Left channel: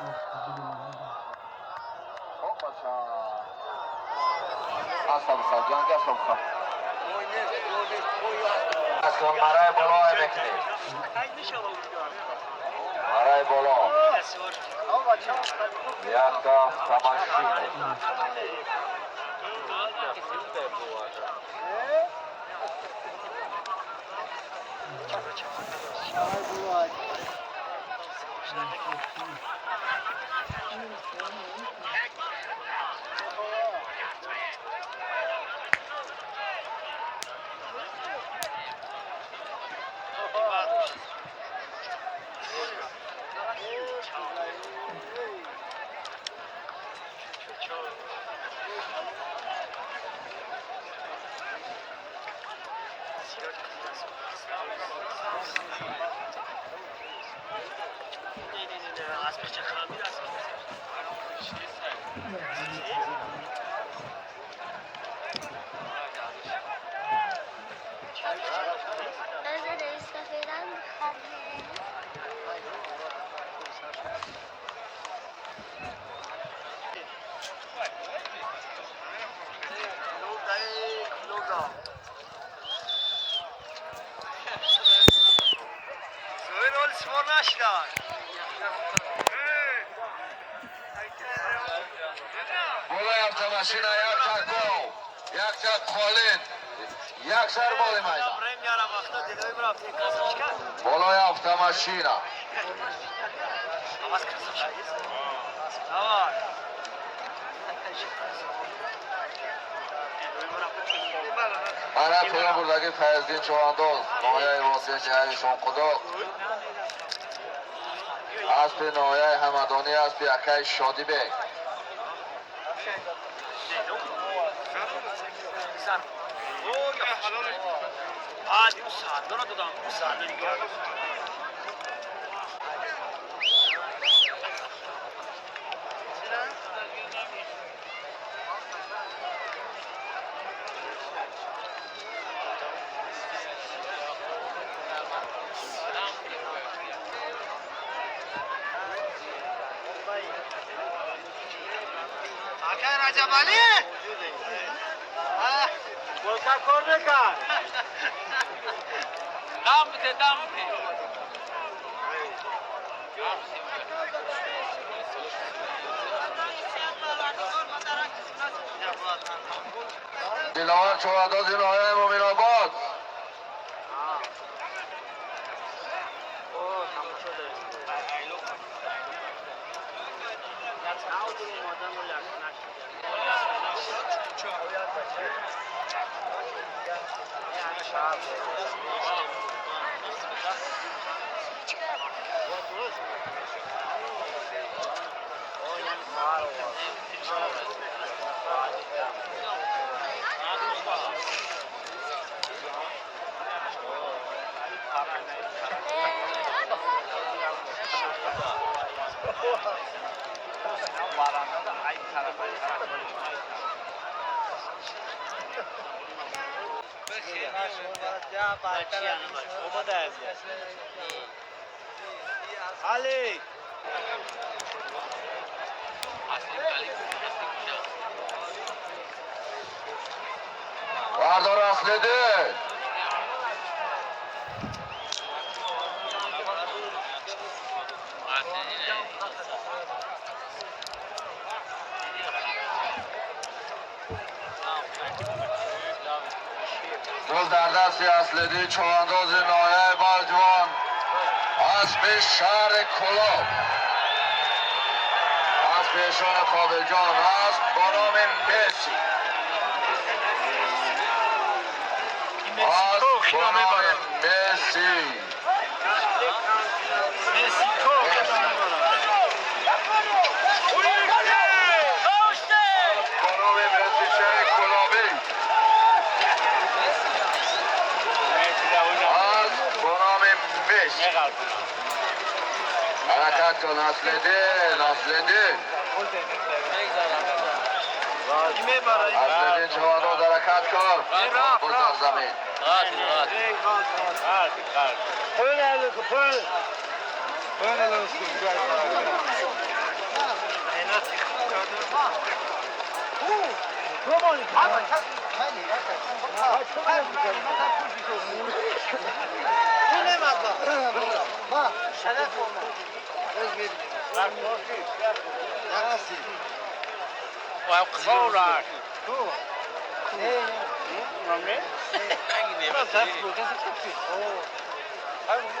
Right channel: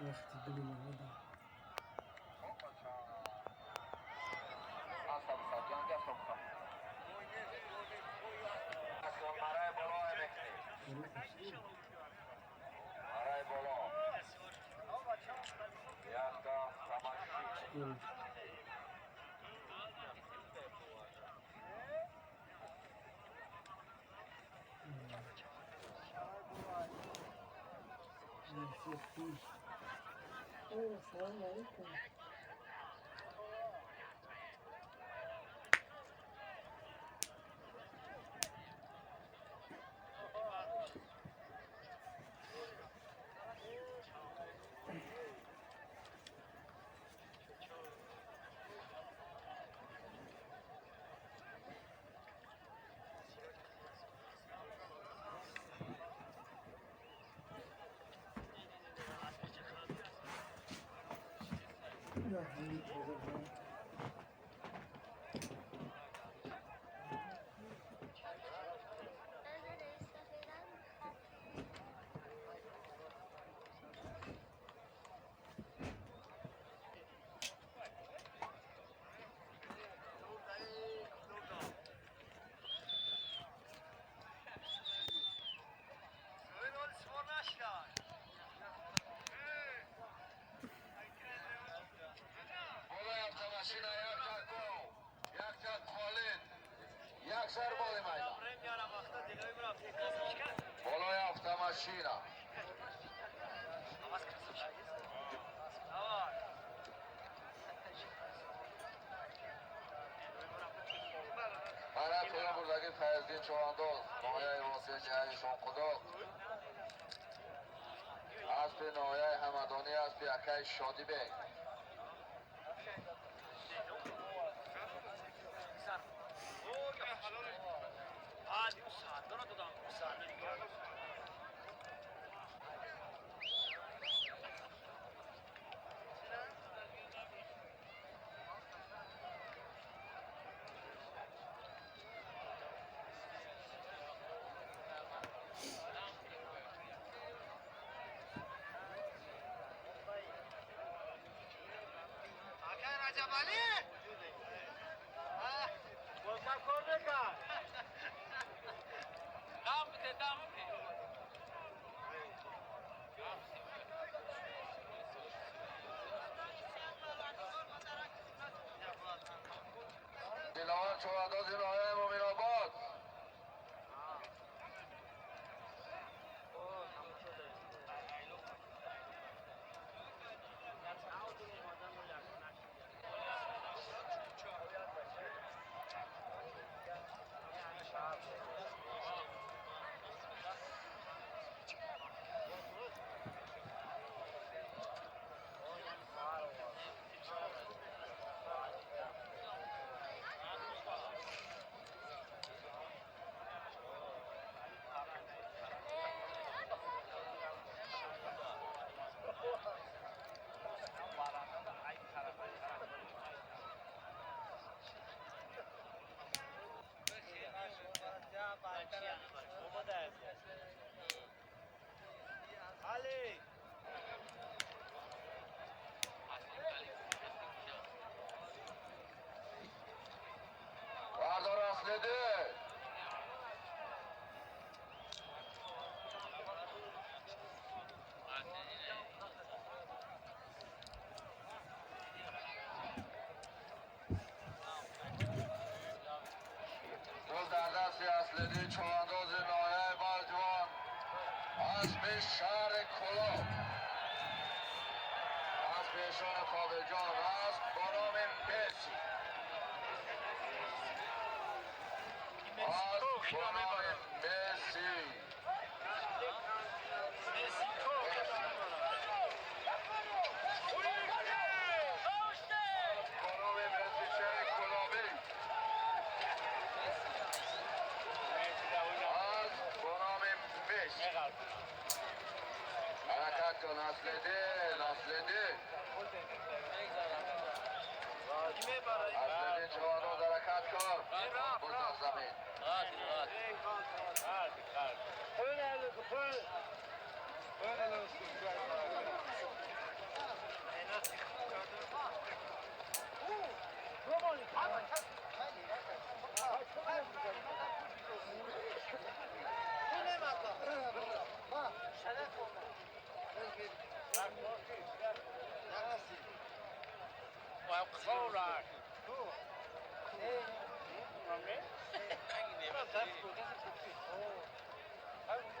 وقتی بلومده خب بچه اصلا سجان گشت بخواه اصلا مرای بالا میکنی مرای بالا یک تا تماشین بالای автомашина یک чак гол, یک чак холин, یک сар боли майдан. بالای автомашина. Ana to'yin buradagi Fayzdin Chavanduz, noyay Vosin Jahani Shonquduq. Aspi noyay Hamadoni, aspi akay Shodibek. رجب علی گلکا کار نکن دم بده دم بده دلاور چواداز نایه مومن آباد علی بردار اصلیده روز در دست اصلیده چوانداز نایه بلجوان اسب شهر کلاب اسب اشان کابل جان است با نام مسی است با نام مسی حرکت کن اصلیده اصلیده جوانو حرکت کن بزن زمین پایین و قصور راه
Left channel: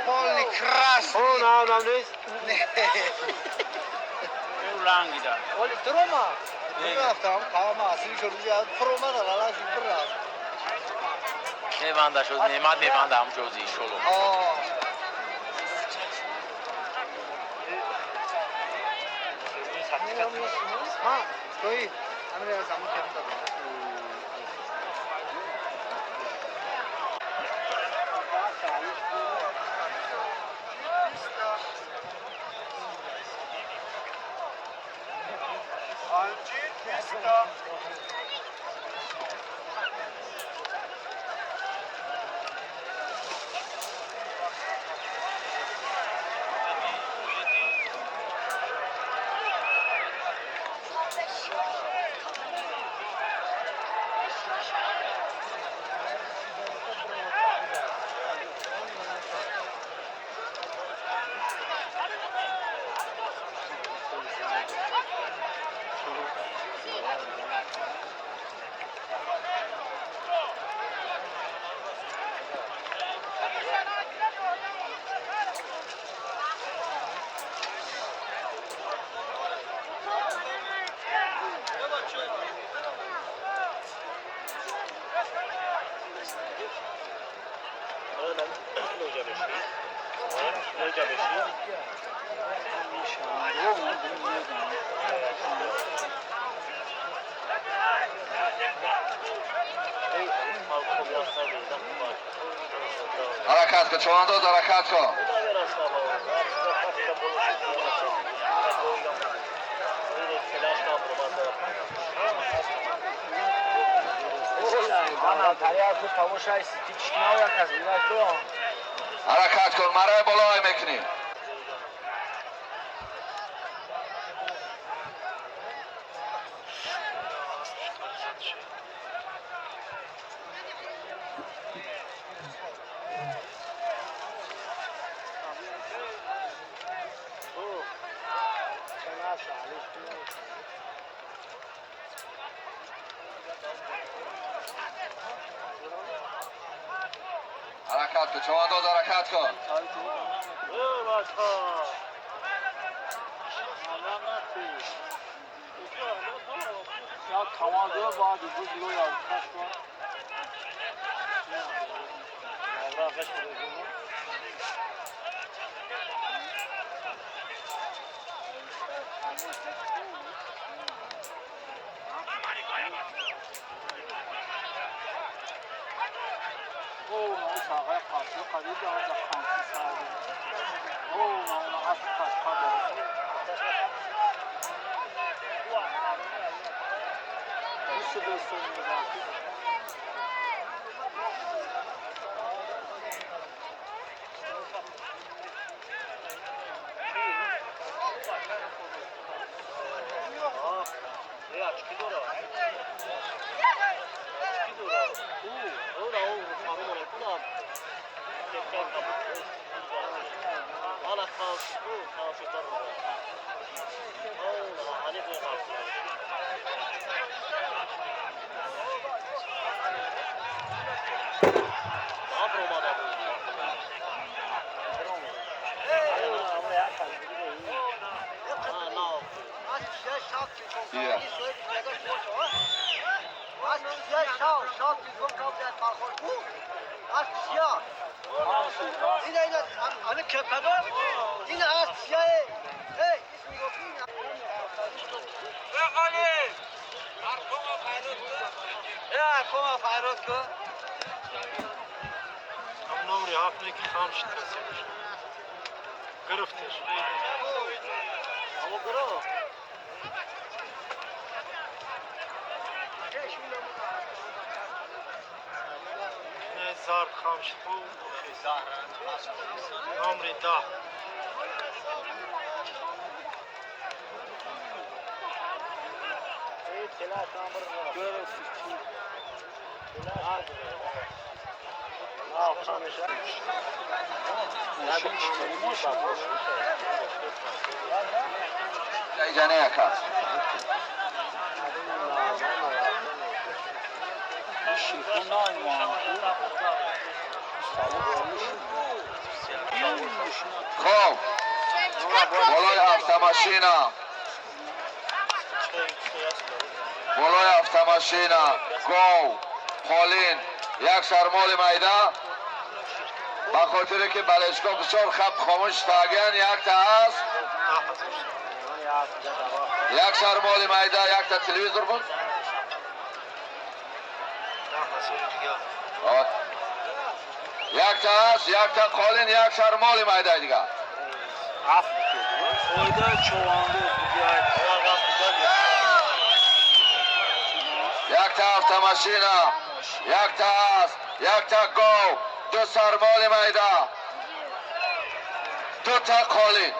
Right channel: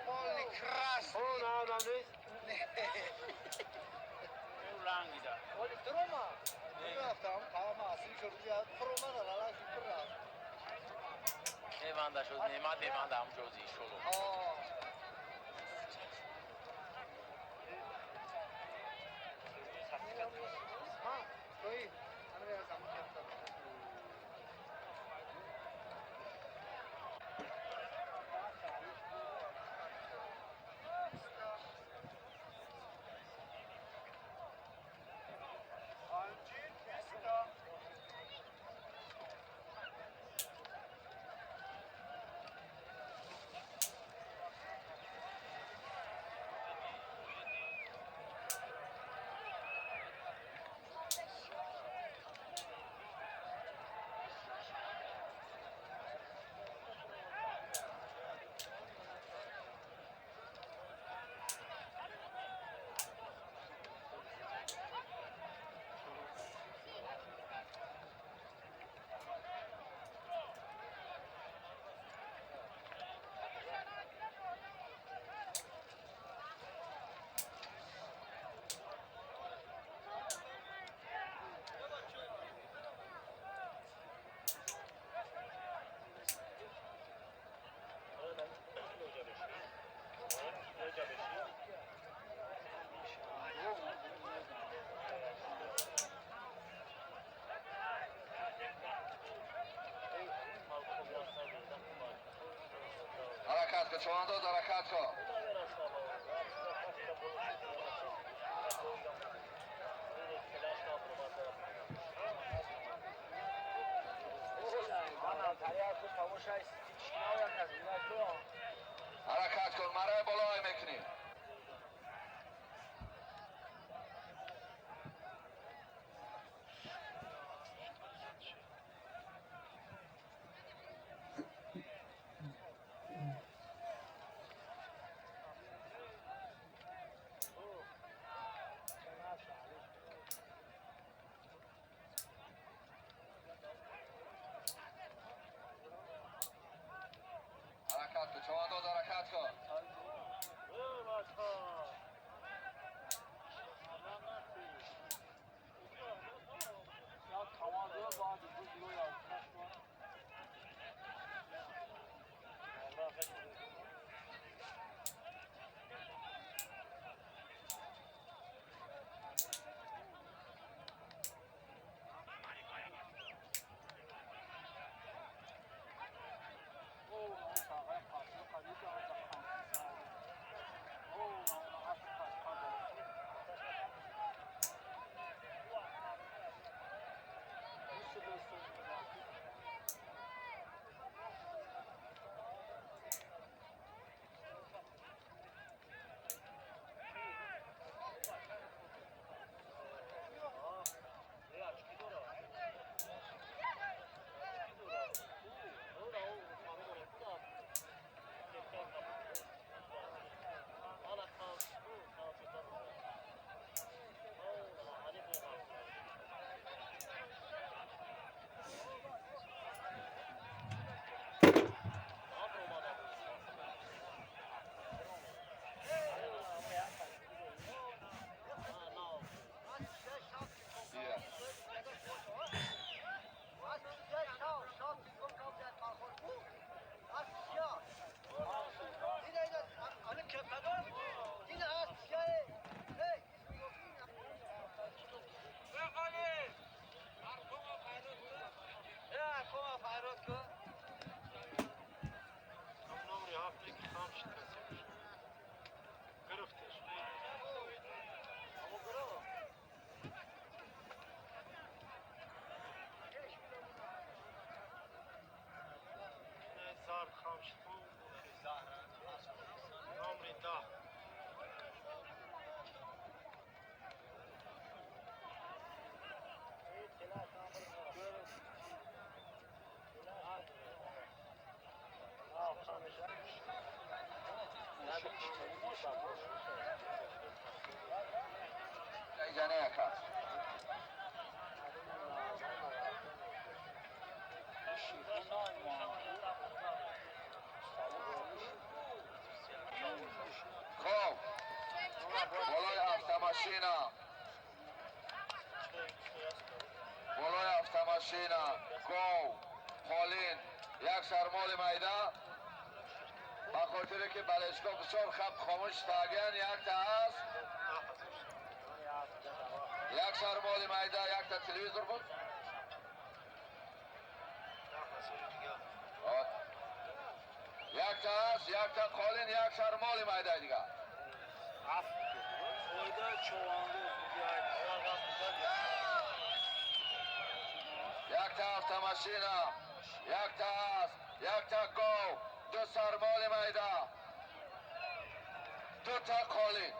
Holy krasny. او نه نه نیست او لنگی دار ولی تروما میرفتم کام اصلی شروع کرد تروما را لازم برام میبنده شد نعمت میبنده هم جزی شلو ها توی امیر زمان کرد حرکت کن چوانداز حرکت کن حرکت کن مرای بالای میکنی حرکت کن چوانداز حرکت کن Hier. گرفتش زار خامش خوب عمري ده جانه یکا خب بالای автомашина بالای автомашина گو پولین یک سرمال میده با خاطر که بالشگاه بسیار خب خاموش تاگن یک تا هست یک سرمال میده یک تا تلویزور بود یک تا هست یک تا قالین یک سرمال میده دیگه یک تا автомашина یک تا هست یک تا گو دو سرمال میده دو تا قالین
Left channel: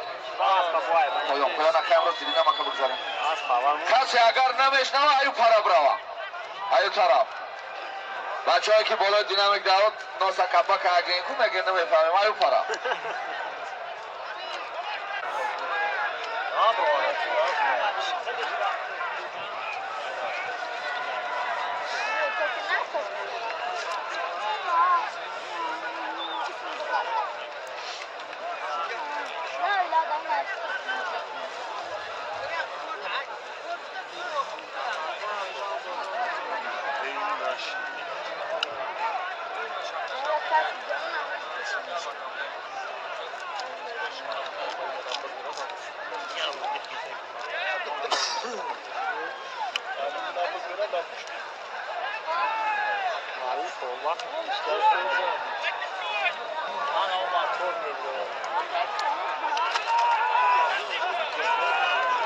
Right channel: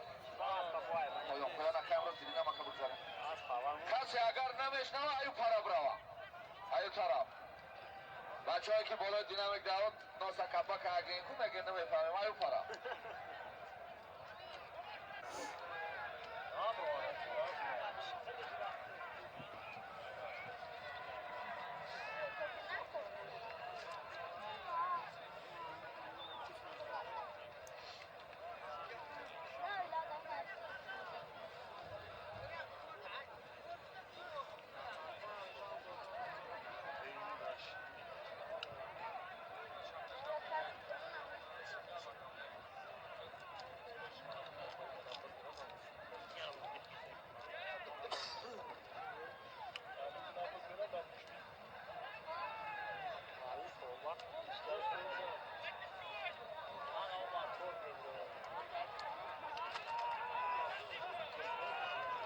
پایان کامرا دیدم ما که بگذارم کسی اگر نمیشنوه ایو پرا بروا ایو طرف بچه هایی که بالای دینامیک دارد ناسا کپا که اگه این کن اگه نمیفهمیم ایو پرا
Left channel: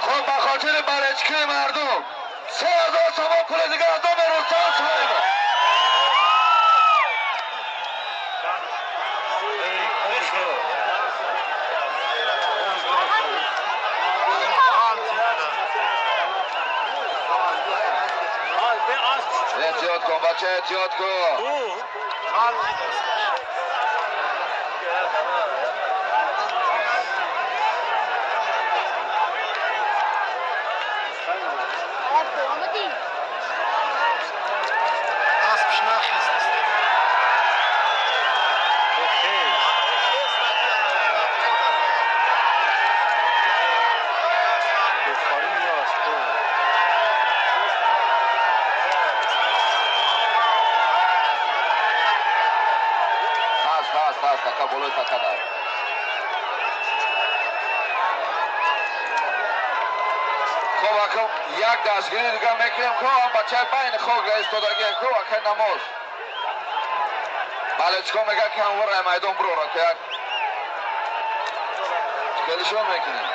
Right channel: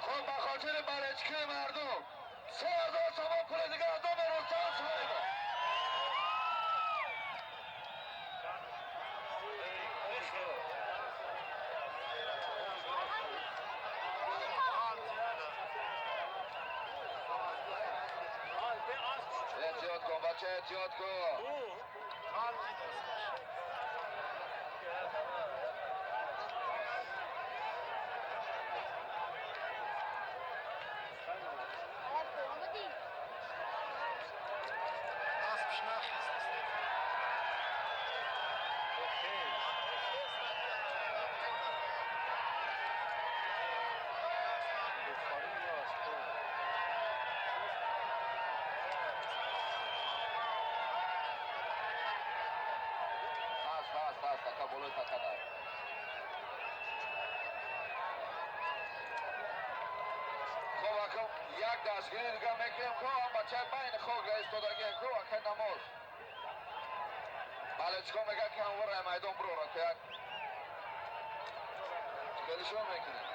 خب بخاطر برچکی مردم 3000 تومان پول دیگه از دام رستم صاحب احتیاط کن بچه احتیاط کن هست تکا بلوی تکا دار خب اکم یک دستگیری دیگه میکنیم که هم بچه بین خوگ ایستادگی که اکن نماز بالچکو میگه که هم ور میدان برو را که کلشون میکنیم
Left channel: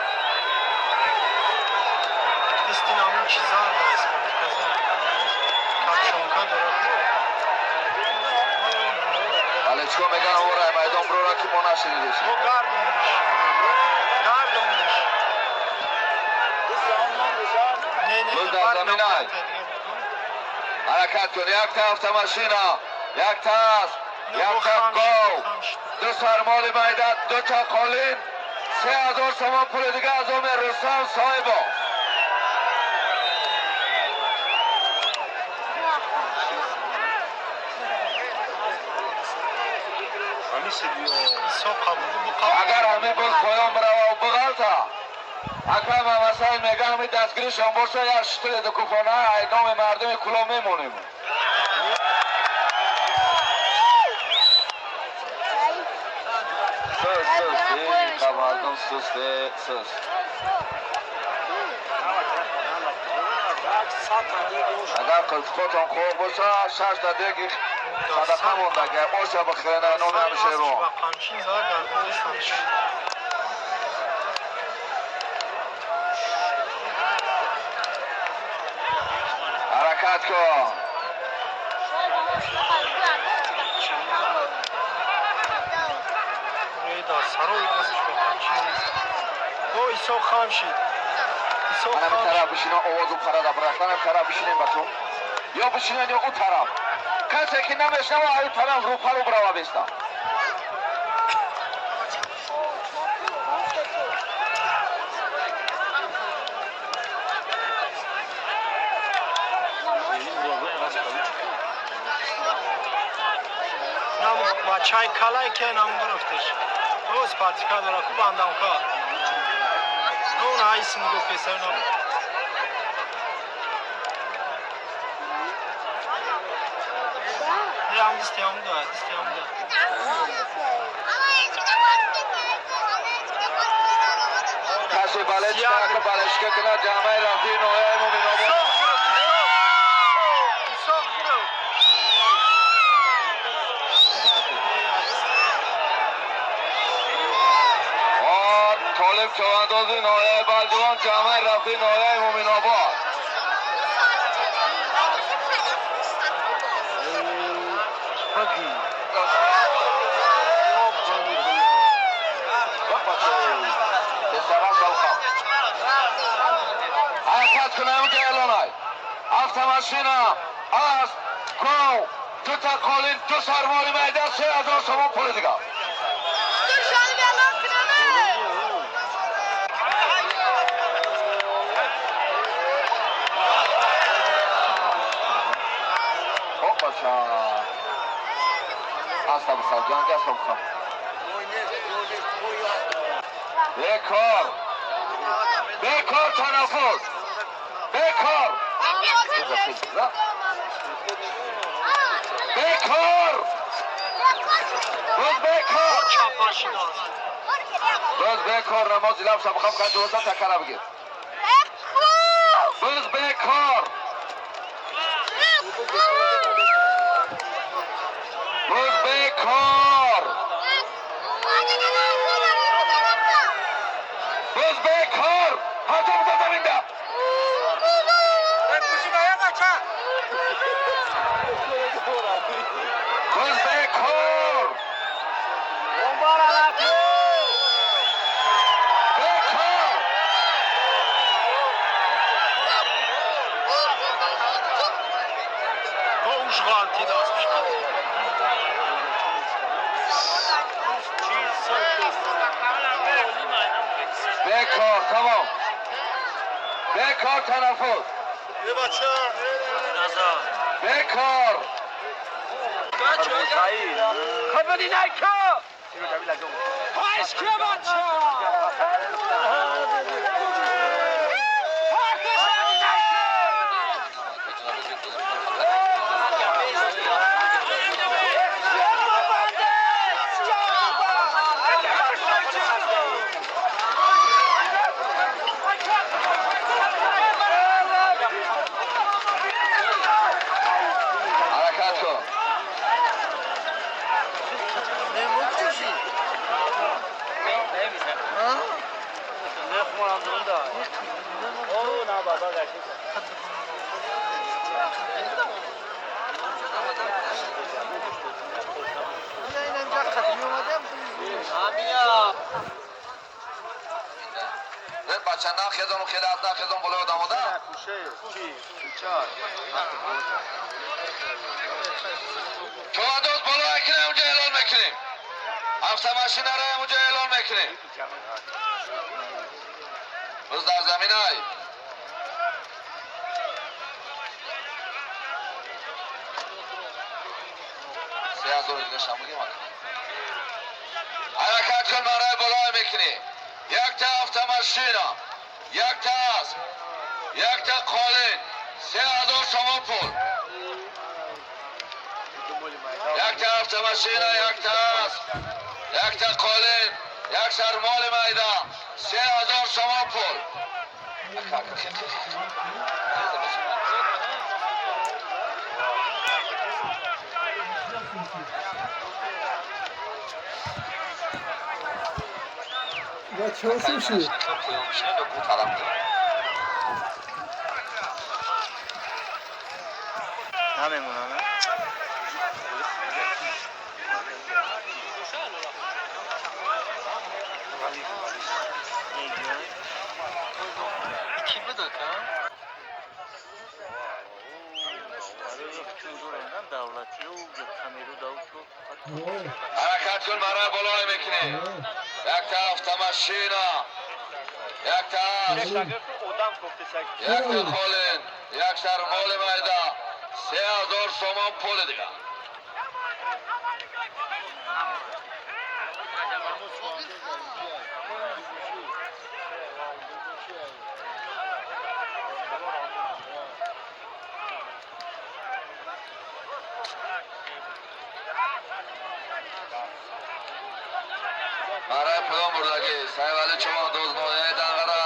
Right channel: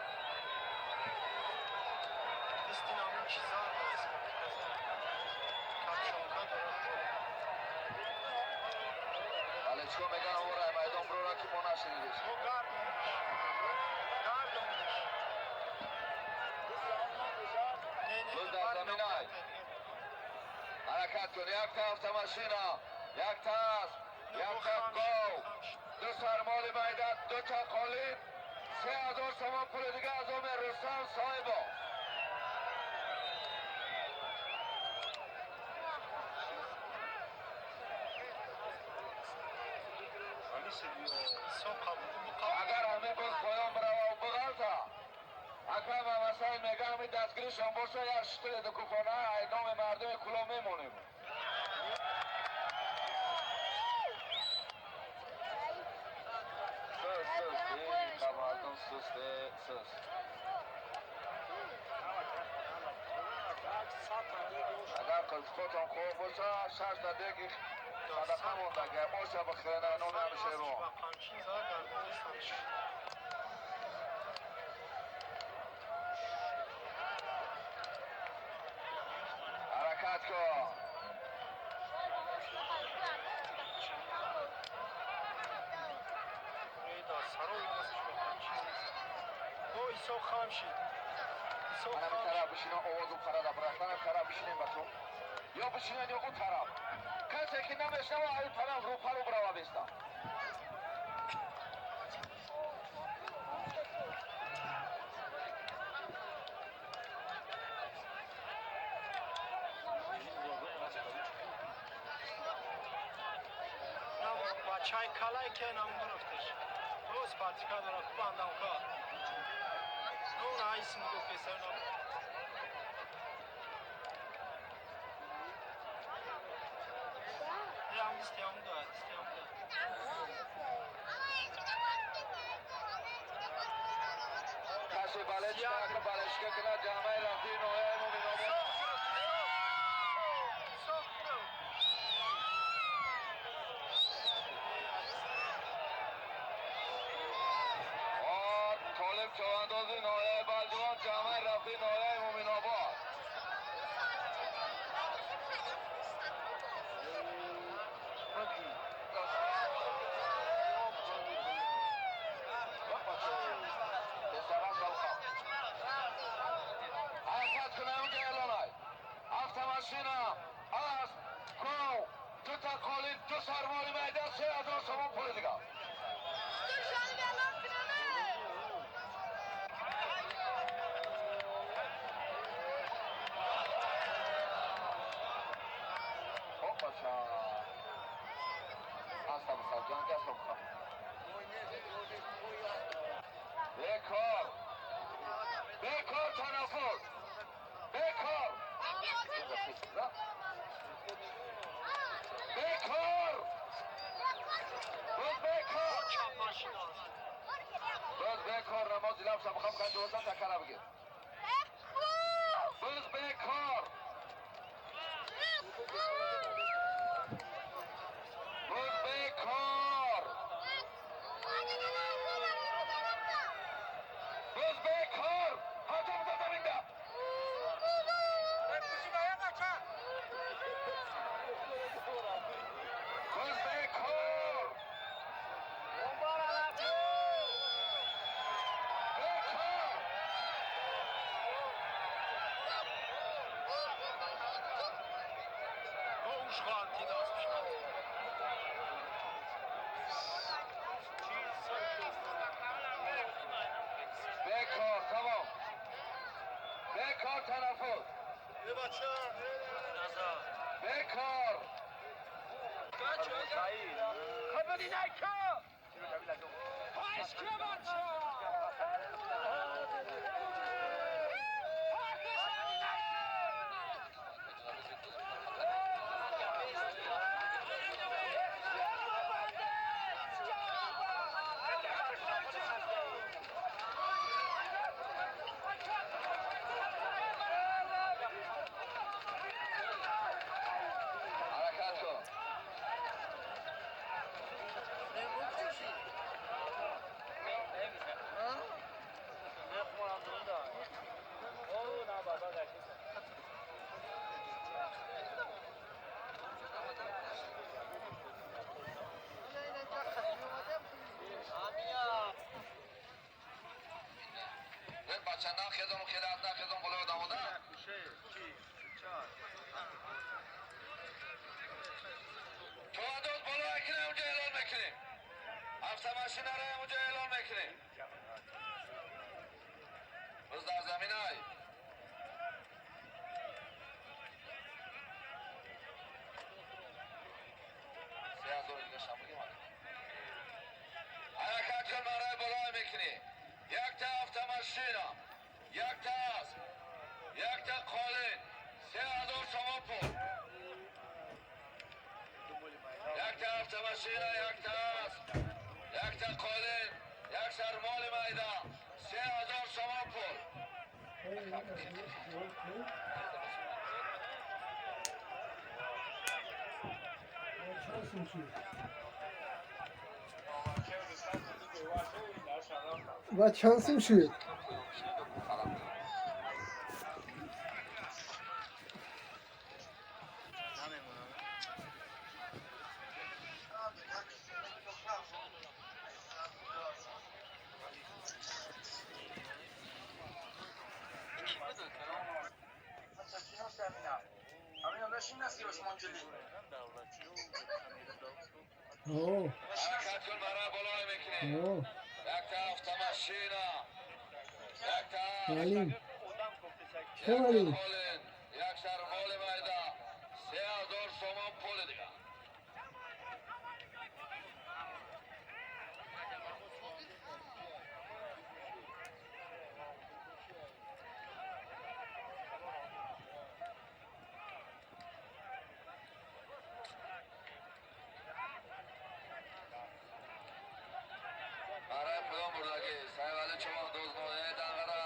استینامون چیزا هست کاتشونکا داره بالچکو میگه هم ور میدان برو را که ما نشنیدیشیم روز در زمین های حرکت کن یک تا автомашина یک تا هست یک تا گو دو سرمال میدد دو تا قالین 3000 تومان پول دیگه از آم رستم صاحبا اگر همین باز پایان بروا و بغلتا اکرم هم اصلا میگه همین دستگیری شنبورسا یا شتر دکوفانه ایدام مردم کلا میمونیم سس مردم سس اگر خودتون خوب باشه 6 تا دیگه صدقه موندگه باشه بخیرنه نون همیشه رو حرکت کن سروی واسش بکنم چی نیست او ایسا خام شید من همین طرف بشینم آواز و پرده برست من همین طرف بشینیم بچه یا بشینیم یا اون طرف کسی که نمیشنم و این طرف رو پرو بروا بیستم و چای کلای که نام گرفتش روز پاتیکا داره خوب اندام کار اون هایسین گو پیسر نام هم دستیام داد کسی بالش که بالش که کنه جامعه رفتی نوعه مومین آباد طالب چواندازی نوعه بلجوان جامعه رفتی نوعه مومین آباد حرکت کنه اونجا اعلانای автомашина از گو دو تا قالین دو سرمالی میدن 3000 تومان پول دیگه خب بچه هستا بسر جنگ هستا بخوام بیکار تنفس بیکار روز بیکار نمازی لفظه بخوام که دوزا تکره بگیر روز بیکار حتی بودم اینده روز بیکار بیکار تمام بیکار تنفس بیکار خبری نکن پایش که بچه بچه نخیزم و خیلی از نخیزم بلو داماده چواندوز بلو اکنه اونجا اعلان میکنیم автомашина را اونجا اعلان میکنیم روز در زمین های حرکت کن برای بلای میکنی یک تا автомашина یک تا اسب یک تا قالین 3000 تومان پول یک تا автомашина یک تا اسب یک تا قالین یک سرمال میدان 3000 تومان پول بچه ها سوشی نمیمونم اوه حرکت کن برای بالای میکنی اوه یک طرف تماشینا یک طرف علی یک تا خالین یک سر مال میده 3000 سومان پول دیگه برای پدام بردگی سیوالی چمان دوز نویه دنگره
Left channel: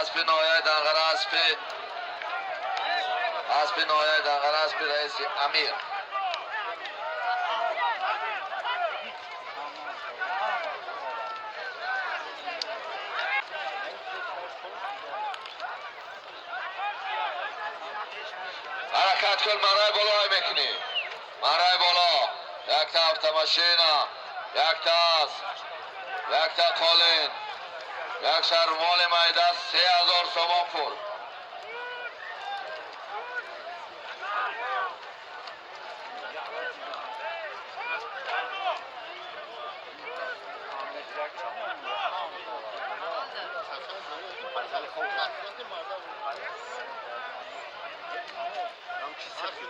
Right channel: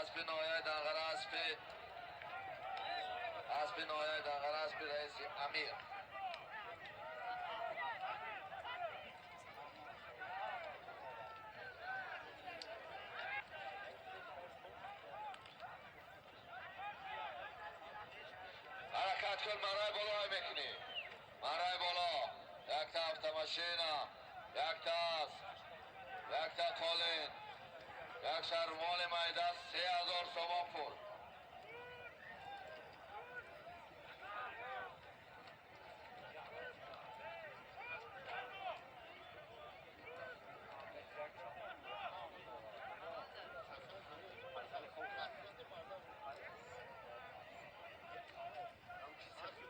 اسپی نویه دنگره اسپی نویه دنگره اسپی رئیس امیر حرکت کن مرای بالای میکنی مرای بالا یک تا افتماشینا یک تاس یک تا قالین یک سر مال میده 3000 سومان پول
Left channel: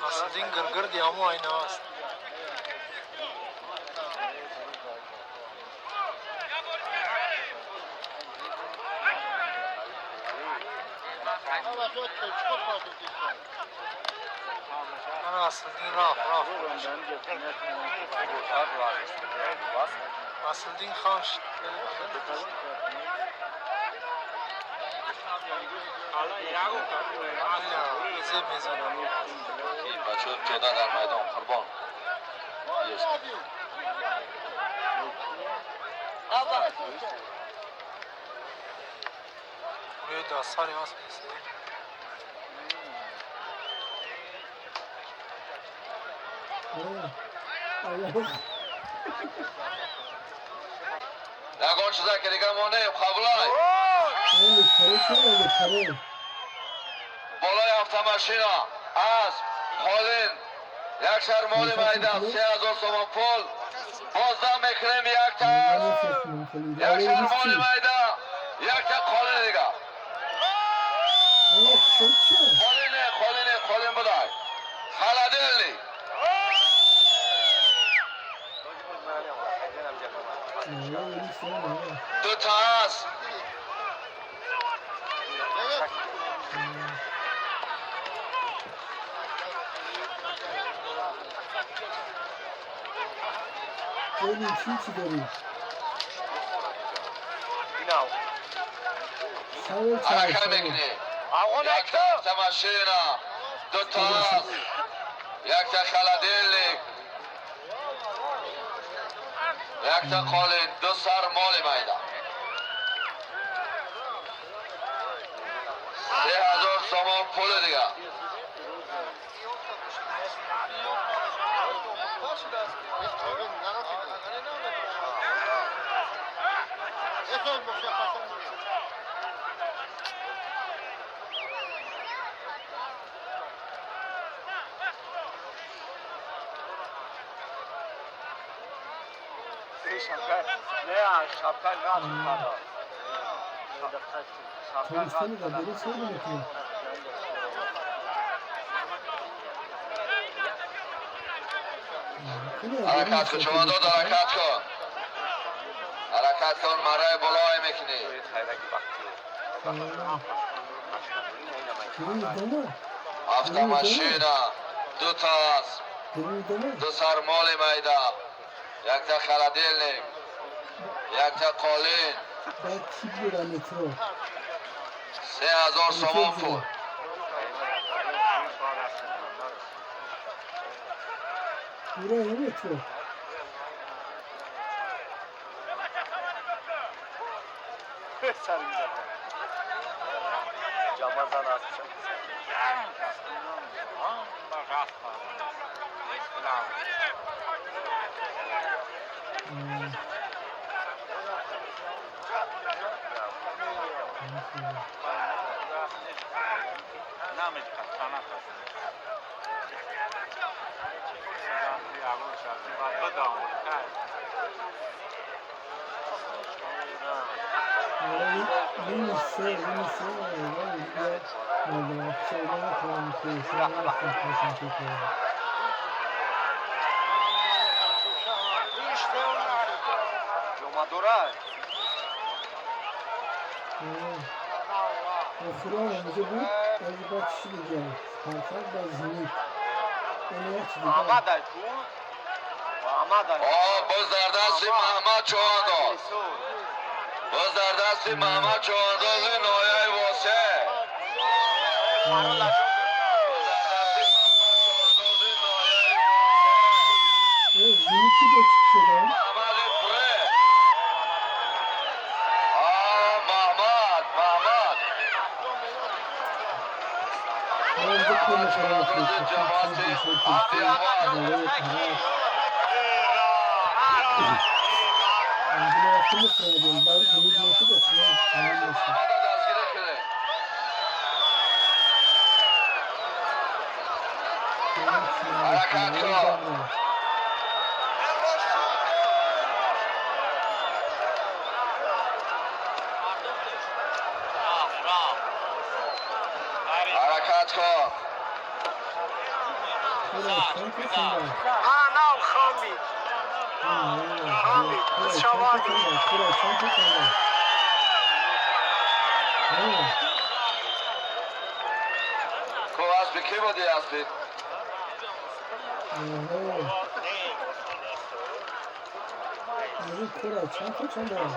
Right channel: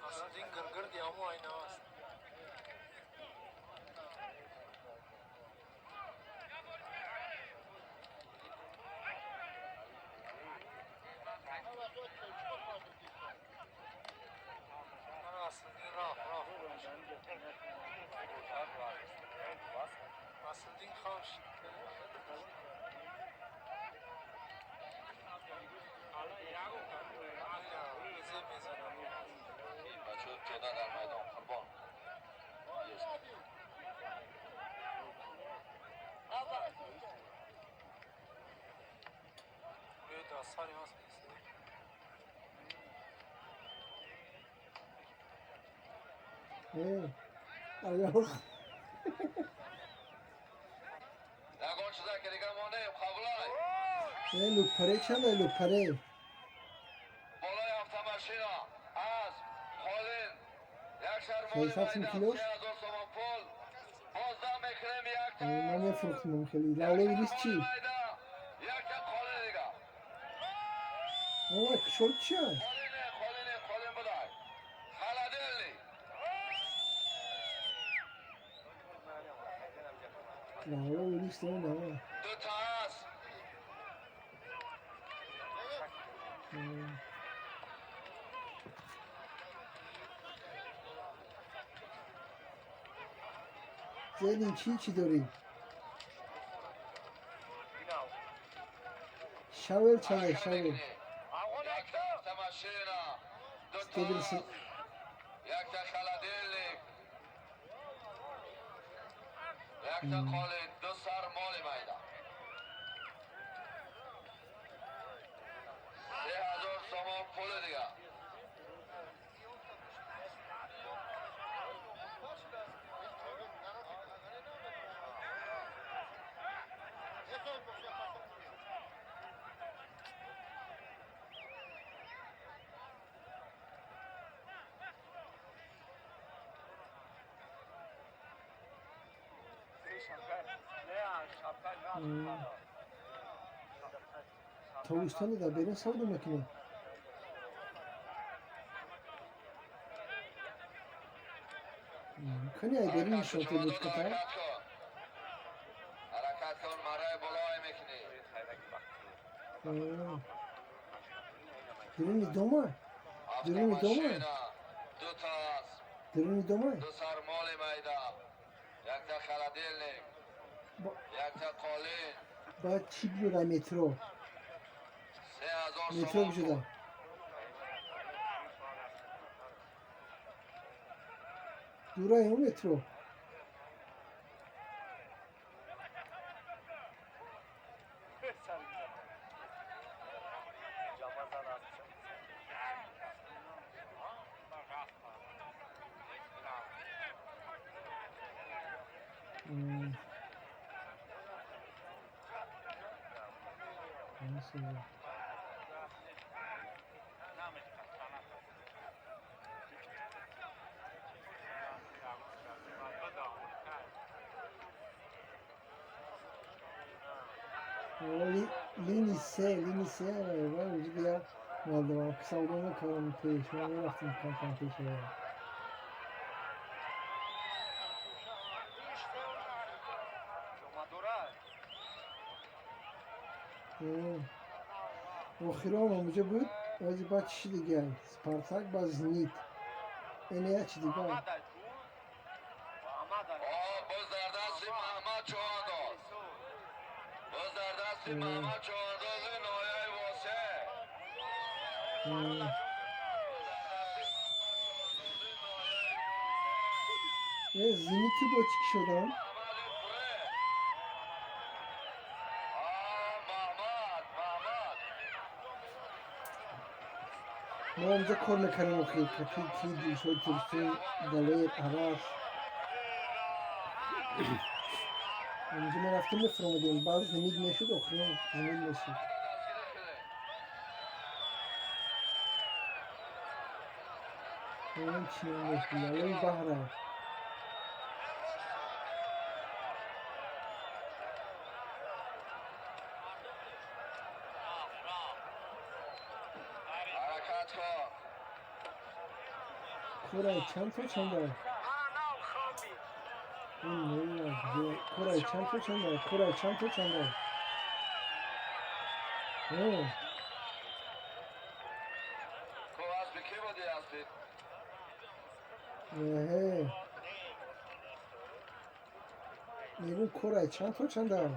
Asıldığın gırgır diye ama aynı ağız. Ana asıldığın raf. Asıldığın hamş. Allah bize mezanı. بچه پیدا در میدان قربان Buraya da asar yaz. اوه الله یکان چیزا که دیگه مانده قبلای اوه پره چه پره بالای افتماشینا اسب قالین یک سر مال میده 3000 سومان پول بازدم میکنیم یک تا من نفرستم خیلی یک داره سر نیست مال چی میده یک تا قالین دیگه اوه شد چه قالین بدای خلدلی نه نیست نه دو تا اسب خیلی چی داری شاول حرکت شاول میکنی یک تا افتماشینا دو تا اسب یک تا خلدلی یک تا قالین دو سر مال میده 3000 سومان پول دیگه تاویستانی دا بری سوری میکنه حرکت کن شما دو حرکت کن حرکت کن مرای بالای میکنی گرونی دومه افتماشینا دو تا اسب گرونی دومه دو سر مال میده یک تا خلدیلنیک یک تا قالین بعد چی بیاره مترو 3000 سومان پول بیاره مترو L'inizio, poi via, guarda, assolutamente non ti sono affiancato anche te. Охрана уже будет, почти делать. Спартак Базник. Они очли, да. باز در دست محمد چوانداز باز در دست محمد چوانداز نایه واسه Ziniki de çıkışıyor lan. محمد فره محمد Bence konu konu kıyısı. Türkçe, balığı, tarak. Angela hakkında sıra diyorum. Bari Cemil Güneş'i de okuyor. Cemil Güneş'i. دستگیری شده Benim için öyle Zahra. حرکت کن Koray çanta sandal. Anam Hambi. Koray çanta sandal. Koray çanta sandal. کو اسبی کی بودی اسبی Yürü Koray çanta sandal.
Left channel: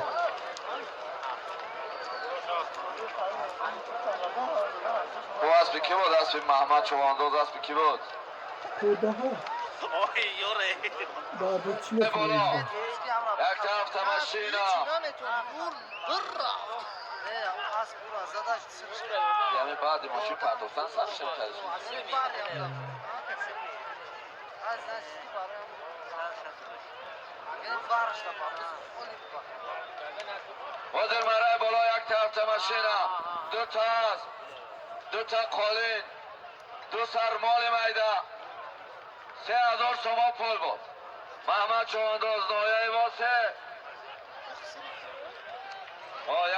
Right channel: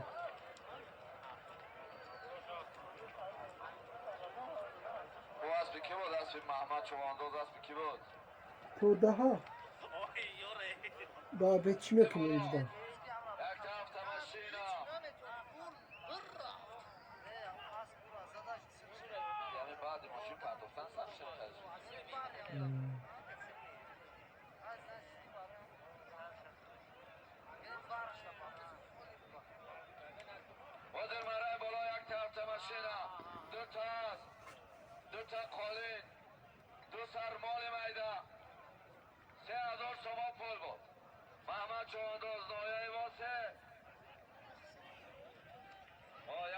کو اسبی کی بود اسبی محمد چوانداز اسبی کی بود Daha bekçime koyuyordu. یک طرف تمشینا یعنی بعد ماشین پرداختن سرشم تجربه وزیر مرای بالا یک طرف تمشینا دو تا است دو تا قالین دو سرمال میده 3000 سوم پول بود محمد چوانداز نایه واسه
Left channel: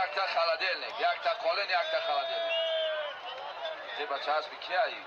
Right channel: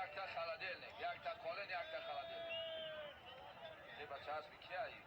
یک تا خلدیلنیک یک تا قالین یک تا خلدیلنیک تی بچه هست بی کی هایی